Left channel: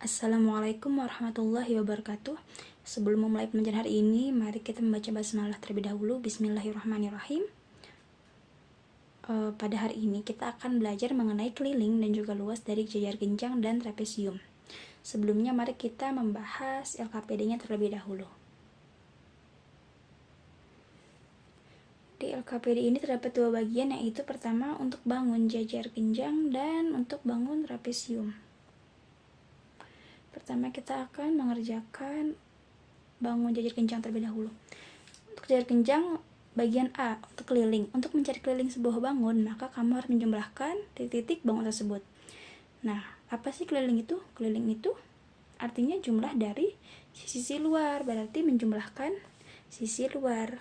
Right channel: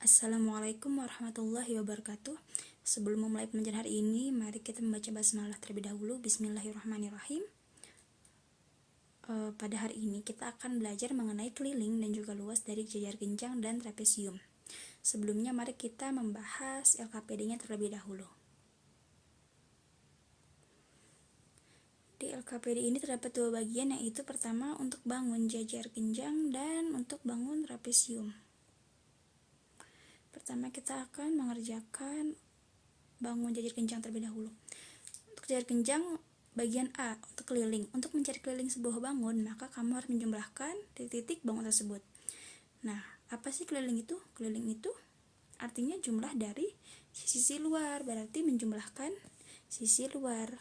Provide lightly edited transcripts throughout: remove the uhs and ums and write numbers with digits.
Assalamualaikum warahmatullahi wabarakatuh. Sebelum memulai pembelajaran hari ini, mari kita membaca basmalah terlebih dahulu. Bismillahirrahmanirrahim. Pada hari ini kita akan belajar mengenai keliling dan juga luas dari jajar genjang dan trapesium. Sebelumnya mari kita membahas LKPD-nya terlebih dahulu. Di LKPD ini terdapat dua bagian, yaitu pertama untuk bangun jajar genjang dan untuk bangun trapesium. Pertama kita akan mengerjakan bangun jajar genjang terlebih dahulu. Untuk jajar genjang bagian A, untuk keliling. Untuk mencari keliling sebuah bangun, maka kamu harus menjumlahkan titik-titik bangun tersebut. Nah, apa sih keliling itu? Keliling itu artinya jumlah dari sisi luar, berarti menjumlahkan sisi luar.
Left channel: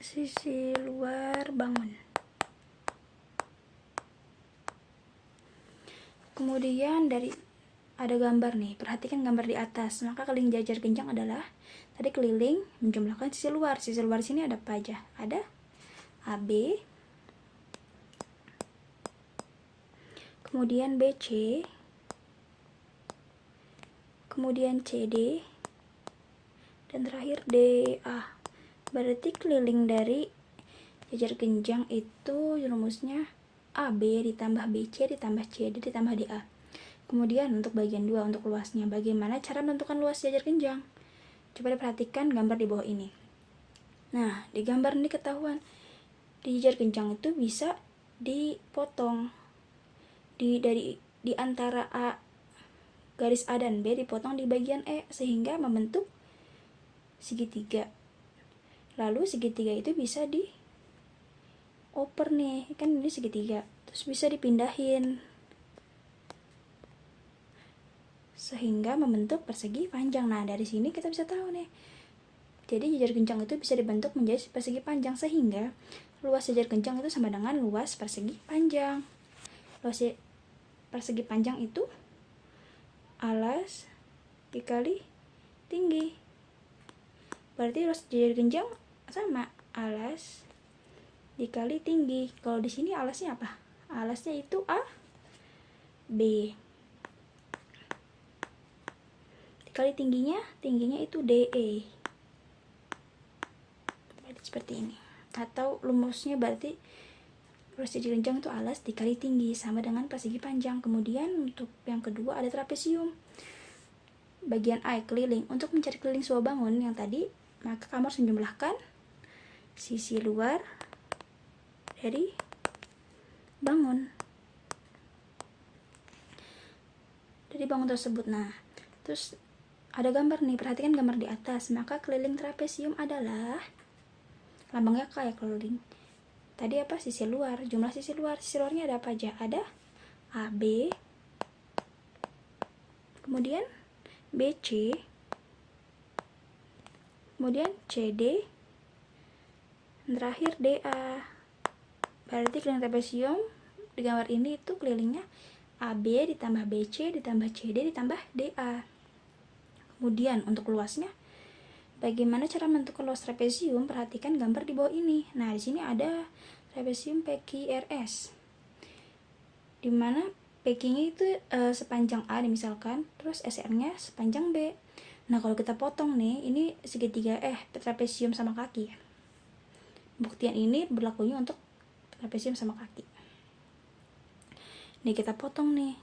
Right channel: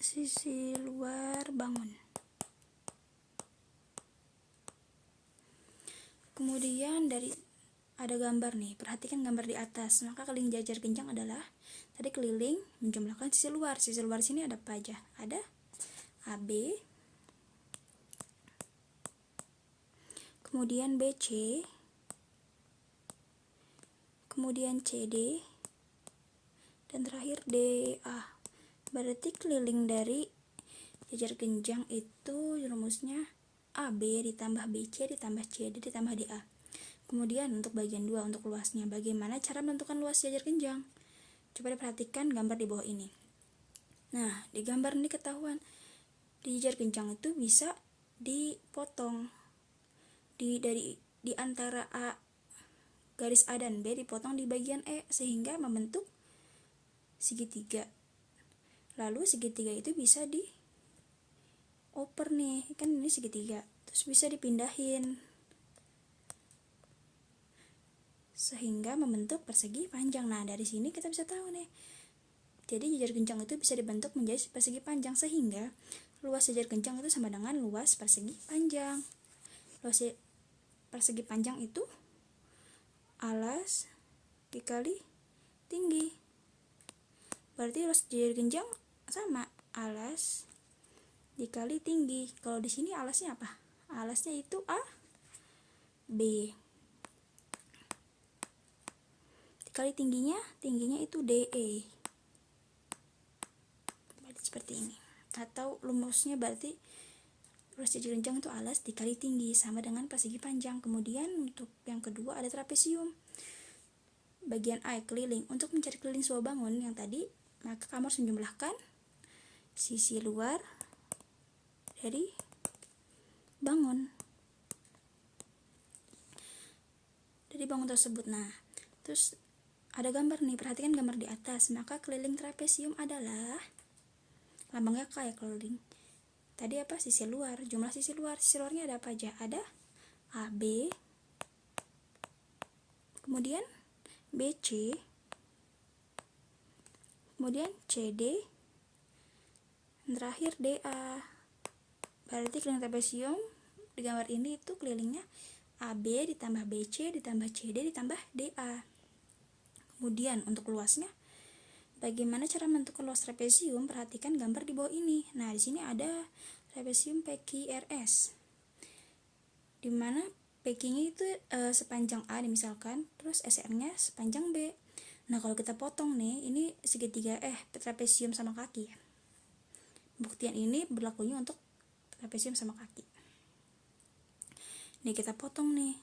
Sisi luar bangun. Kemudian ada gambar nih, perhatikan gambar di atas. Maka keliling jajar genjang adalah tadi keliling menjumlahkan sisi luar. Sisi luar sini ada apa aja? Ada AB, kemudian BC, kemudian CD, dan terakhir DA. Berarti keliling dari jajar genjang itu rumusnya AB ditambah BC ditambah CD ditambah DA. Kemudian untuk bagian 2, untuk luasnya, bagaimana cara menentukan luas jajar genjang? Coba diperhatikan gambar di bawah ini. Nah, di gambar ini ketahuan di jajar genjang itu bisa dipotong di antara A, garis A dan B dipotong di bagian E sehingga membentuk segitiga. Lalu segitiga itu bisa dioper nih, kan ini segitiga, terus bisa dipindahin sehingga membentuk persegi panjang. Nah, dari sini kita bisa tahu nih, jadi jajar genjang itu bisa dibentuk menjadi persegi panjang, sehingga luas jajar genjang itu sama dengan luas persegi panjang. Luas persegi panjang itu alas dikali tinggi, berarti luas jajar genjang sama alas dikali tinggi. Kalau di sini alasnya apa? Alasnya itu A, B. Dikali tingginya itu DE. Berarti seperti ini. Atau rumusnya berarti luas jajar genjang itu alas dikali tinggi sama dengan persegi panjang. Kemudian untuk yang kedua ada trapesium. Bagian A, keliling. Untuk mencari keliling sebuah bangun yang tadi, maka kamu harus menjumlahkan sisi luar dari bangun tersebut. Nah, terus ada gambar nih, perhatikan gambar di atas. Maka keliling trapesium adalah lambangnya kayak keliling. Tadi apa? Sisi luar, jumlah sisi luar. Sisi luarnya ada apa aja? Ada AB, kemudian BC, kemudian CD, dan terakhir DA. Berarti keliling trapesium di gambar ini itu kelilingnya AB ditambah BC ditambah CD ditambah DA. Kemudian untuk luasnya, bagaimana cara menentukan luas trapesium? Perhatikan gambar di bawah ini. Nah, di sini ada trapesium PQRS, di mana PQ-nya itu sepanjang A misalkan, terus SR-nya sepanjang B. Nah, kalau kita potong nih, ini segitiga trapesium sama kaki. Buktian ini berlakunya untuk trapesium sama kaki. Nih kita potong nih.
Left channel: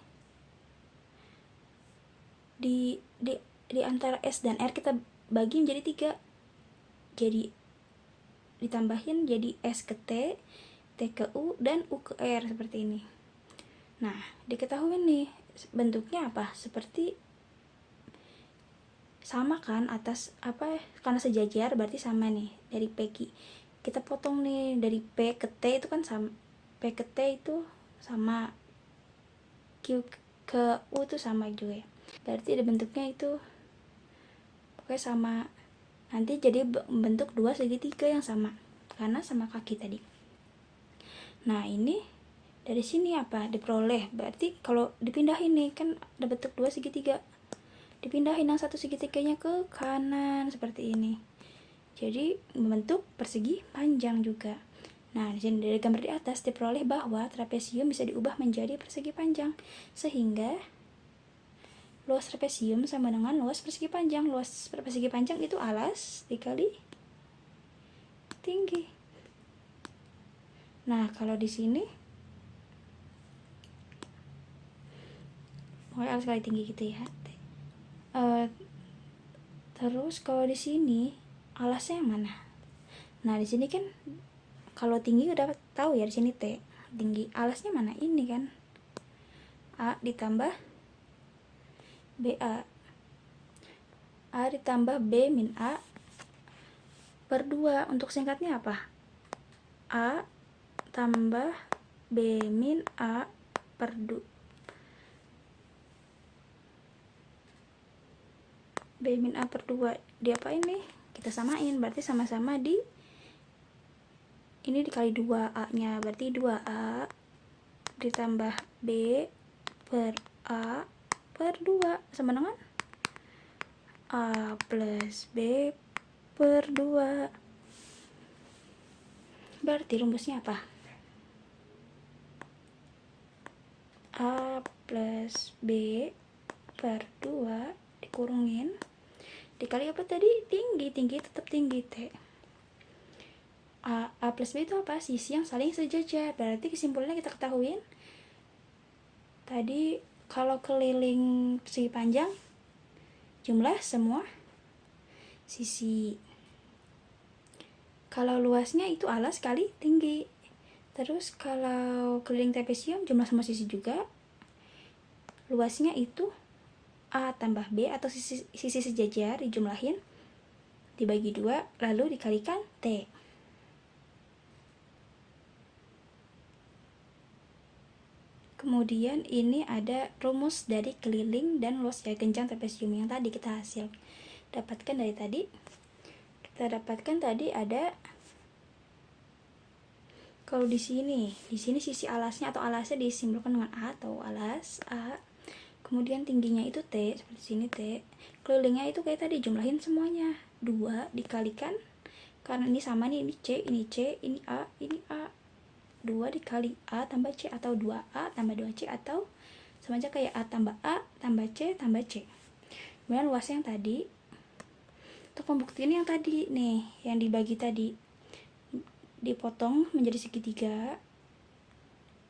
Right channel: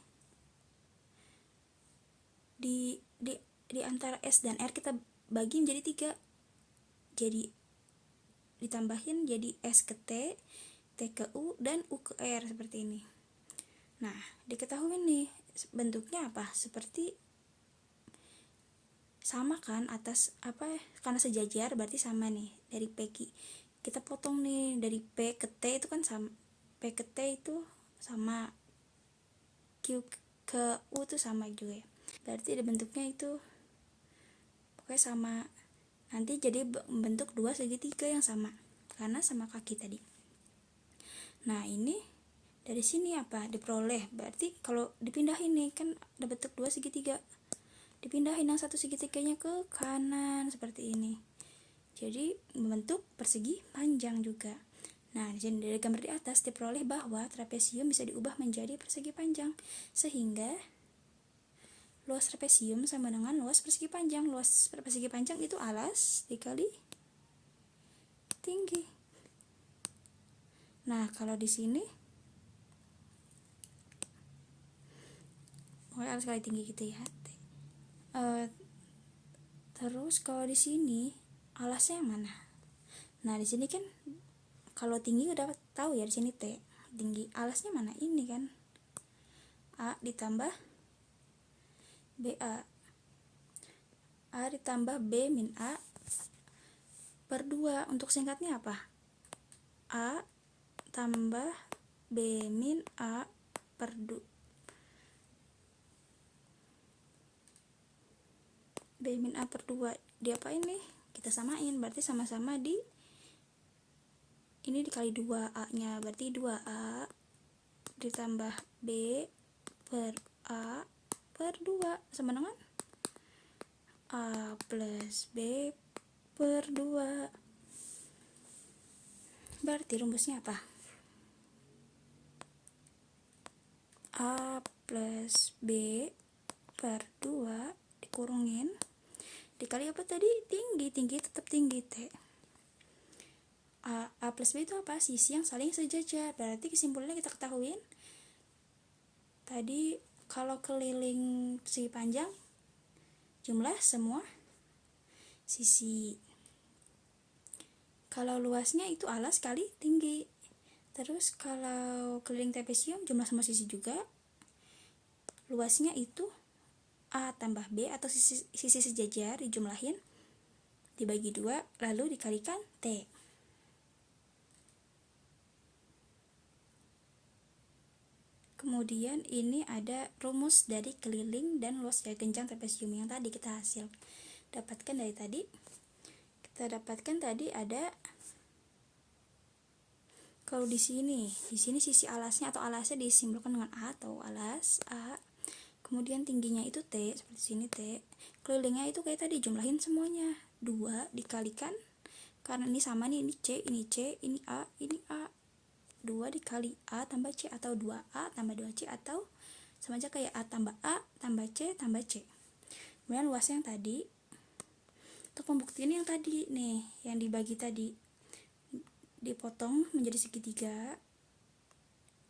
Di antara S dan R kita bagi menjadi 3. Jadi ditambahin jadi S ke T, T ke U, dan U ke R seperti ini. Nah, diketahui nih bentuknya apa? Seperti sama kan, atas apa? Karena sejajar berarti sama nih. Dari PQ kita potong nih, dari P ke T itu kan sama. P ke T itu sama, Q ke U itu sama juga ya. Berarti ada bentuknya itu pokoknya sama. Nanti jadi bentuk dua segitiga yang sama karena sama kaki tadi. Nah, ini dari sini apa? Diperoleh. Berarti kalau dipindahin nih kan ada bentuk dua segitiga. Dipindahin yang satu segitiganya ke kanan seperti ini. Jadi membentuk persegi panjang juga. Nah, di sini dari gambar di atas diperoleh bahwa trapesium bisa diubah menjadi persegi panjang, sehingga luas trapesium sama dengan luas persegi panjang. Luas persegi panjang itu alas dikali tinggi. Nah, kalau di sini alas kali tinggi gitu ya. Terus kalau di sini alasnya yang mana? Nah, di sini kan kalau tinggi udah tahu ya, di sini T. Tinggi alasnya mana? Ini kan A ditambah BA. A ditambah B min A per 2. Untuk singkatnya apa? A tambah B min A per 2. B min A per 2 diapain nih? Kita samain, berarti sama-sama di ini dikali 2A nya, berarti 2A ditambah B per A per 2 sama dengan A plus B per 2. Berarti rumusnya apa? A plus B per 2 dikurungin dikali apa tadi? Tinggi tetap tinggi T. A plus B itu apa? Sisi yang saling sejajar. Berarti kesimpulannya kita ketahuin tadi kalau keliling persegi panjang jumlah semua sisi. Kalau luasnya itu alas kali tinggi. Terus kalau keliling trapesium jumlah semua sisi juga. Luasnya itu A tambah B atau sisi sejajar dijumlahin dibagi 2 lalu dikalikan T. Kemudian ini ada rumus dari keliling dan luas jari kencang trapesium yang tadi kita dapatkan dari tadi. Kita dapatkan tadi ada kalau di sini sisi alasnya atau alasnya disimbolkan dengan A atau alas A. Kemudian tingginya itu T, seperti sini T. Kelilingnya itu kayak tadi, jumlahin semuanya. 2 dikalikan, karena ini sama nih, ini C, ini A, ini A. 2 dikali A tambah C, atau 2A tambah 2C, atau sama aja kayak A tambah C tambah C. Kemudian luasnya yang tadi, untuk pembuktian yang tadi nih, yang dibagi tadi, dipotong menjadi segitiga,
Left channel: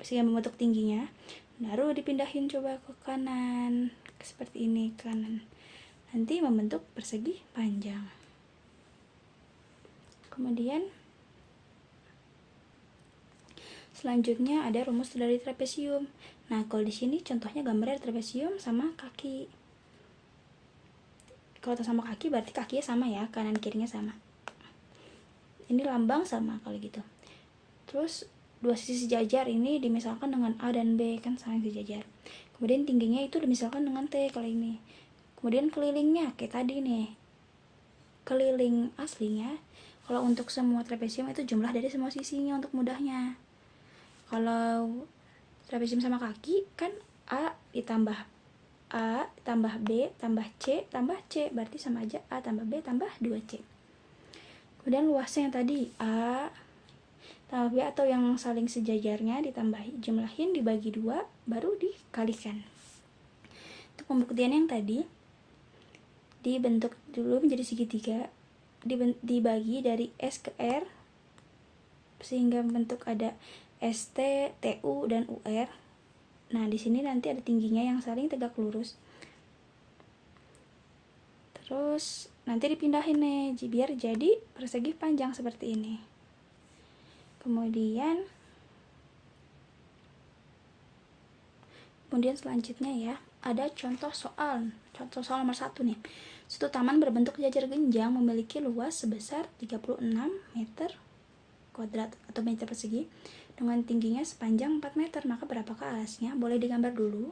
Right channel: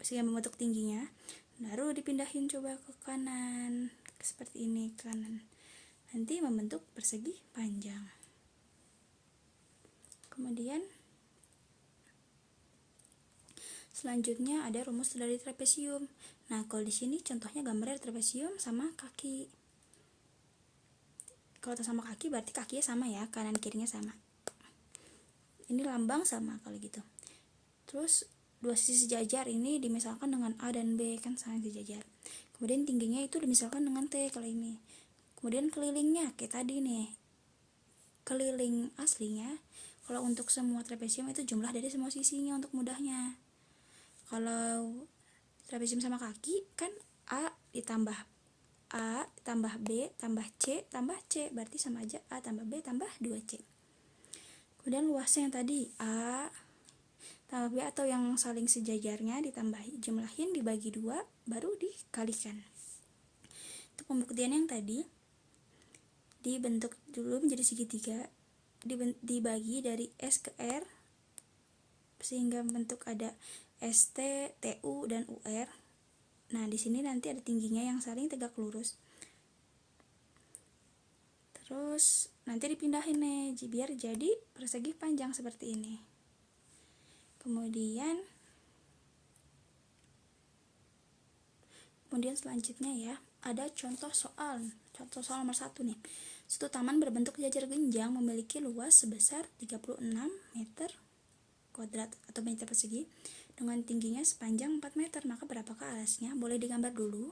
sehingga membentuk tingginya. Baru dipindahin coba ke kanan, seperti ini, kanan. Nanti membentuk persegi panjang. Kemudian selanjutnya ada rumus dari trapesium. Nah, kalau di sini contohnya gambarnya trapesium sama kaki. Kalau sama kaki berarti kakinya sama ya, kanan kirinya sama. Ini lambang sama kalau gitu. Terus dua sisi sejajar ini dimisalkan dengan A dan B, kan saling sejajar. Kemudian tingginya itu dimisalkan dengan T kalau ini. Kemudian kelilingnya kayak tadi nih, keliling aslinya kalau untuk semua trapesium itu jumlah dari semua sisinya untuk mudahnya. Kalau trapesium sama kaki kan A ditambah B tambah C tambah C, berarti sama aja A tambah B tambah 2C. Kemudian luasnya yang tadi A tambah B atau yang saling sejajarnya ditambah jumlahin dibagi 2 baru dikalikan. Untuk pembuktian yang tadi dibentuk dulu menjadi segitiga, dibagi dari S ke R sehingga bentuk ada ST, TU dan UR. Nah, di sini nanti ada tingginya yang saling tegak lurus. Terus nanti dipindahin nih biar jadi persegi panjang seperti ini. Kemudian selanjutnya ya, ada contoh soal nomor 1 nih. Suatu taman berbentuk jajar genjang memiliki luas sebesar 36 meter kuadrat atau meter persegi dengan tingginya sepanjang 4 meter. Maka berapakah alasnya? Boleh digambar dulu.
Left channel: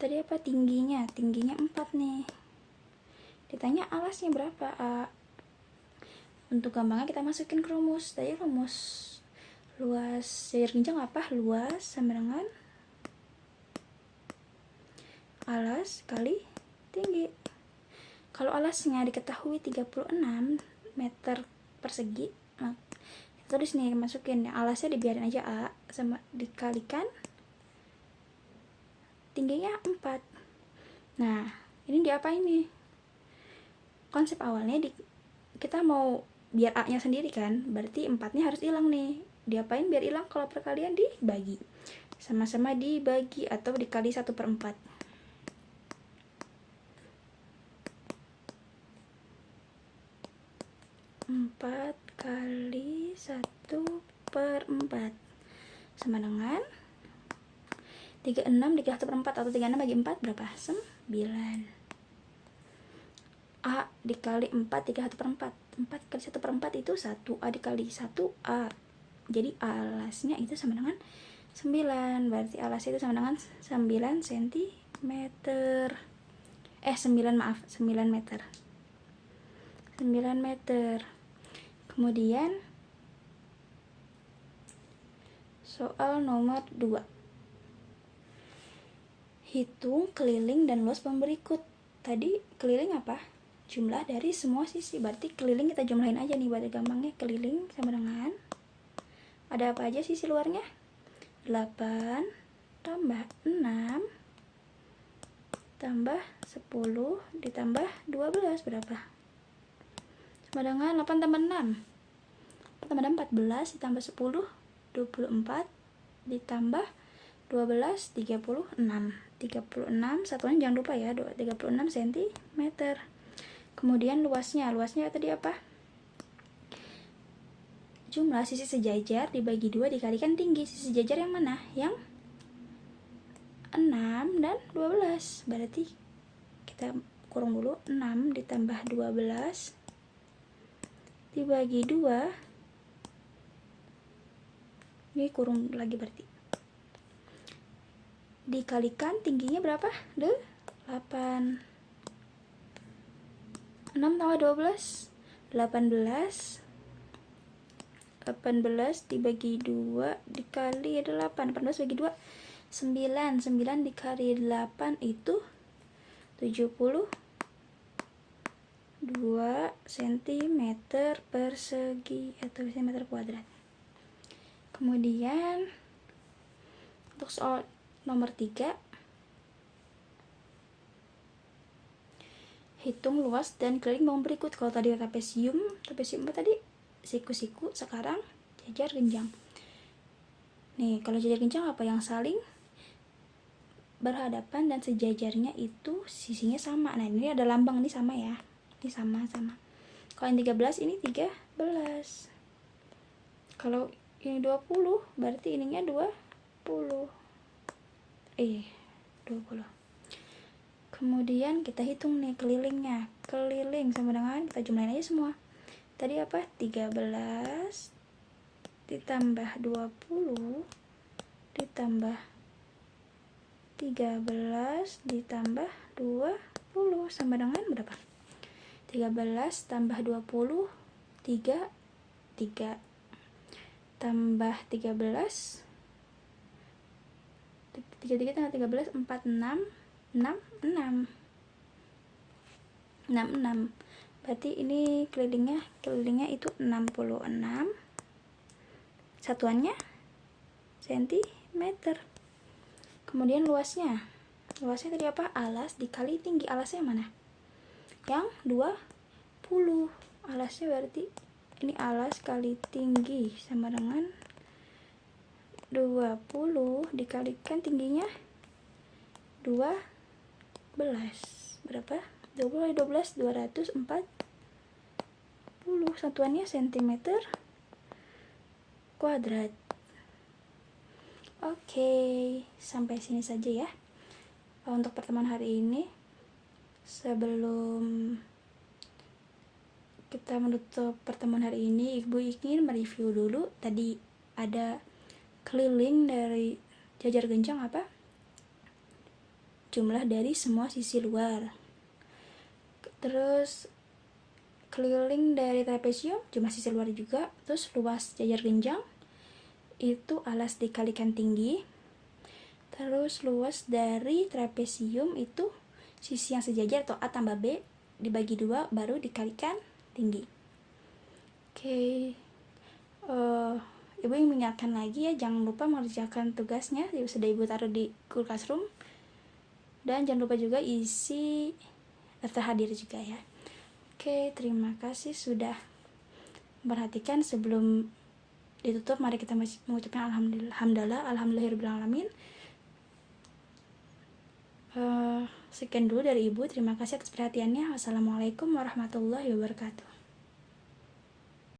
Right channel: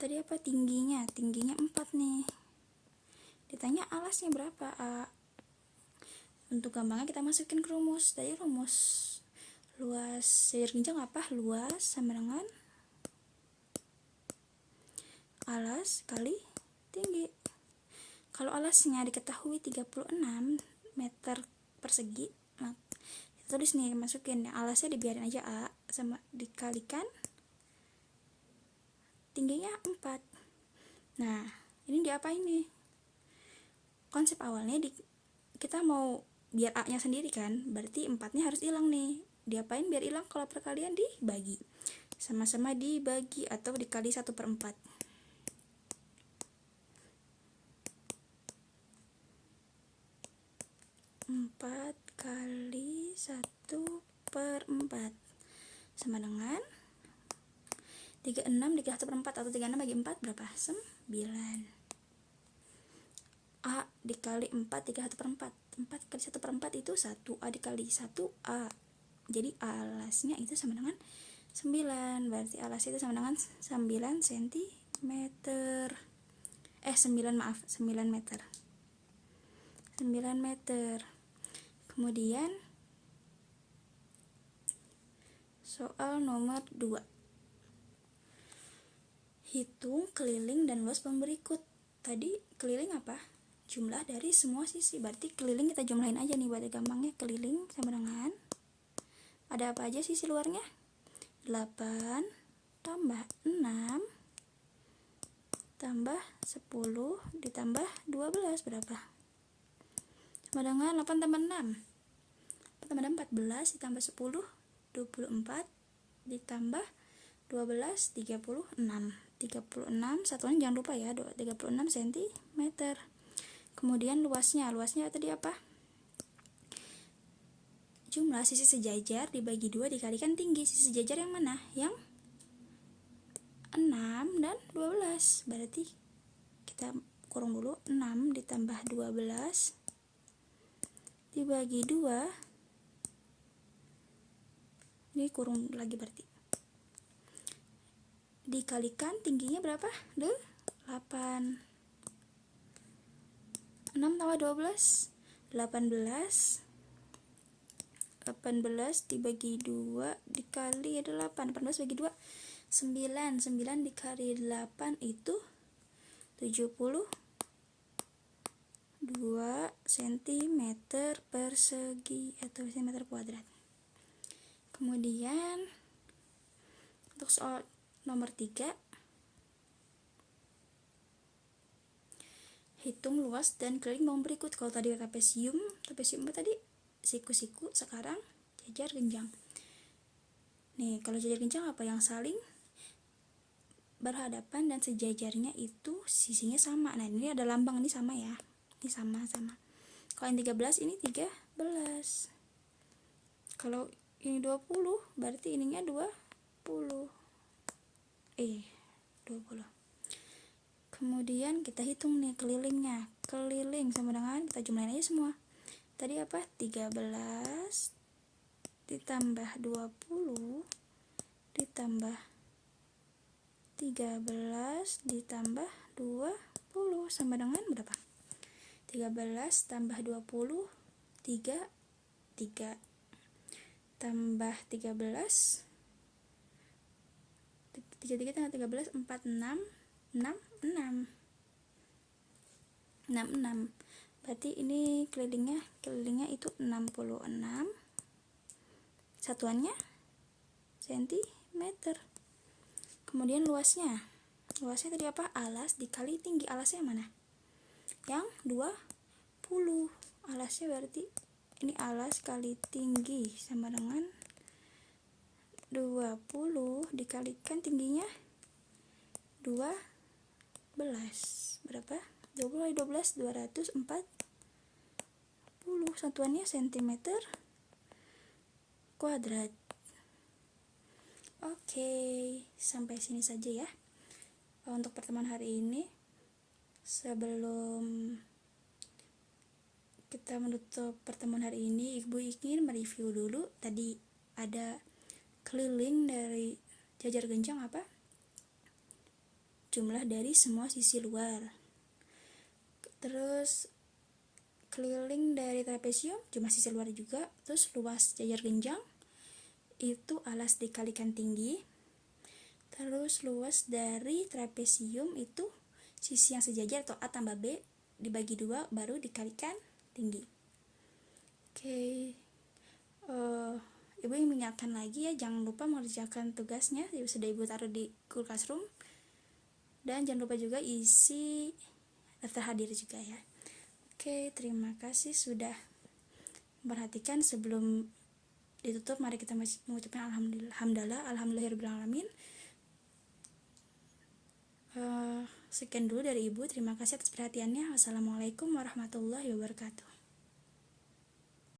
Tadi apa tingginya? Tingginya 4 nih. Ditanya alasnya berapa? Untuk gampangnya kita masukin ke rumus. Tadi rumus luas jajar genjang apa? Luas sama dengan alas kali tinggi. Kalau alasnya diketahui 36 meter persegi, nah, tulis nih, masukin alasnya, dibiarin aja A, sama dikalikan tingginya 4. Nah, ini diapain nih? Konsep awalnya kita mau biar A nya sendiri kan, berarti 4-nya harus hilang nih. Diapain biar hilang? Kalau perkalian dibagi, sama-sama dibagi atau dikali 1/4. 4 kali 1/4 sama dengan 36 dikali 1/4, atau 36 bagi 4 berapa? 9. A dikali 4 dikali 1/4, 4 kali 1/4 itu 1, A dikali 1 A, jadi alasnya itu sama dengan 9, berarti alasnya itu sama dengan 9 cm, 9 meter. 9 meter. Kemudian soal nomor 2, hitung keliling dan luas bangunan berikut. Tadi keliling apa? Jumlah dari semua sisi, berarti keliling kita jumlahin aja nih, berarti gampangnya keliling sama dengan, ada apa aja sisi luarnya? 8 tambah 6 tambah 10 ditambah 12 berapa? Sama dengan 8 tambah 6 tambah 14 ditambah 10 24 ditambah 12 36. 36 satuan jangan lupa ya, 36 cm. Kemudian luasnya tadi apa? Jumlah sisi sejajar dibagi 2 dikalikan tinggi. Sisi sejajar yang mana? Yang 6 dan 12. Berarti kita kurung dulu, 6 ditambah 12 dibagi 2. Ini kurung lagi, berarti dikalikan tingginya berapa? 8. 6 tambah 12 18 dibagi 2 dikali 8, 18 bagi 2 9, 9 dikali 8 itu 72 cm persegi atau cm kuadrat. Kemudian untuk soal nomor 3, hitung luas dan keliling bangunan berikut. Kalau tadi trapesium tadi siku-siku, sekarang jajar genjang. Nih, kalau jajar genjang apa? Yang saling berhadapan dan sejajarnya itu sisinya sama. Nah, ini ada lambang, ini sama ya. Ini sama. Kalau yang 13 ini 13. Kalau ini 20, berarti ininya 20. Kemudian kita hitung nih kelilingnya. Keliling sama dengan, kita jumlahin aja semua. Tadi apa? 13 ditambah 20 ditambah 13 ditambah 20 sama dengan berapa? 13 tambah 20 3 tambah 13 3 tambah 13 4 6 66. Berarti ini kelilingnya itu 66. Satuannya cm. Kemudian luasnya tadi apa? Alas dikali tinggi. Alasnya mana? Yang 20. Alasnya berarti ini alas kali tinggi sama dengan 20 dikalikan tingginya 12. Berapa? 20 12 240. Satuannya cm kuadrat. Oke, sampai sini saja ya untuk pertemuan hari ini. Sebelum kita menutup pertemuan hari ini, Ibu ingin mereview dulu. Tadi ada keliling dari jajar genjang apa? Jumlah dari semua sisi luar. Terus keliling dari trapesium, jumlah sisi luar juga. Terus luas jajar genjang itu alas dikalikan tinggi. Terus luas dari trapesium itu sisi yang sejajar atau A tambah B dibagi 2 baru dikalikan tinggi. Oke. Ibu ingin mengingatkan lagi ya, jangan lupa mengerjakan tugasnya sudah ibu taruh di Google Classroom, dan jangan lupa juga isi daftar hadir juga ya. Oke, terima kasih sudah memperhatikan. Sebelum ditutup, mari kita mengucapkan alhamdulillahirabbil alamin. Sekian dulu dari ibu, terima kasih atas perhatiannya. Wassalamualaikum warahmatullahi wabarakatuh.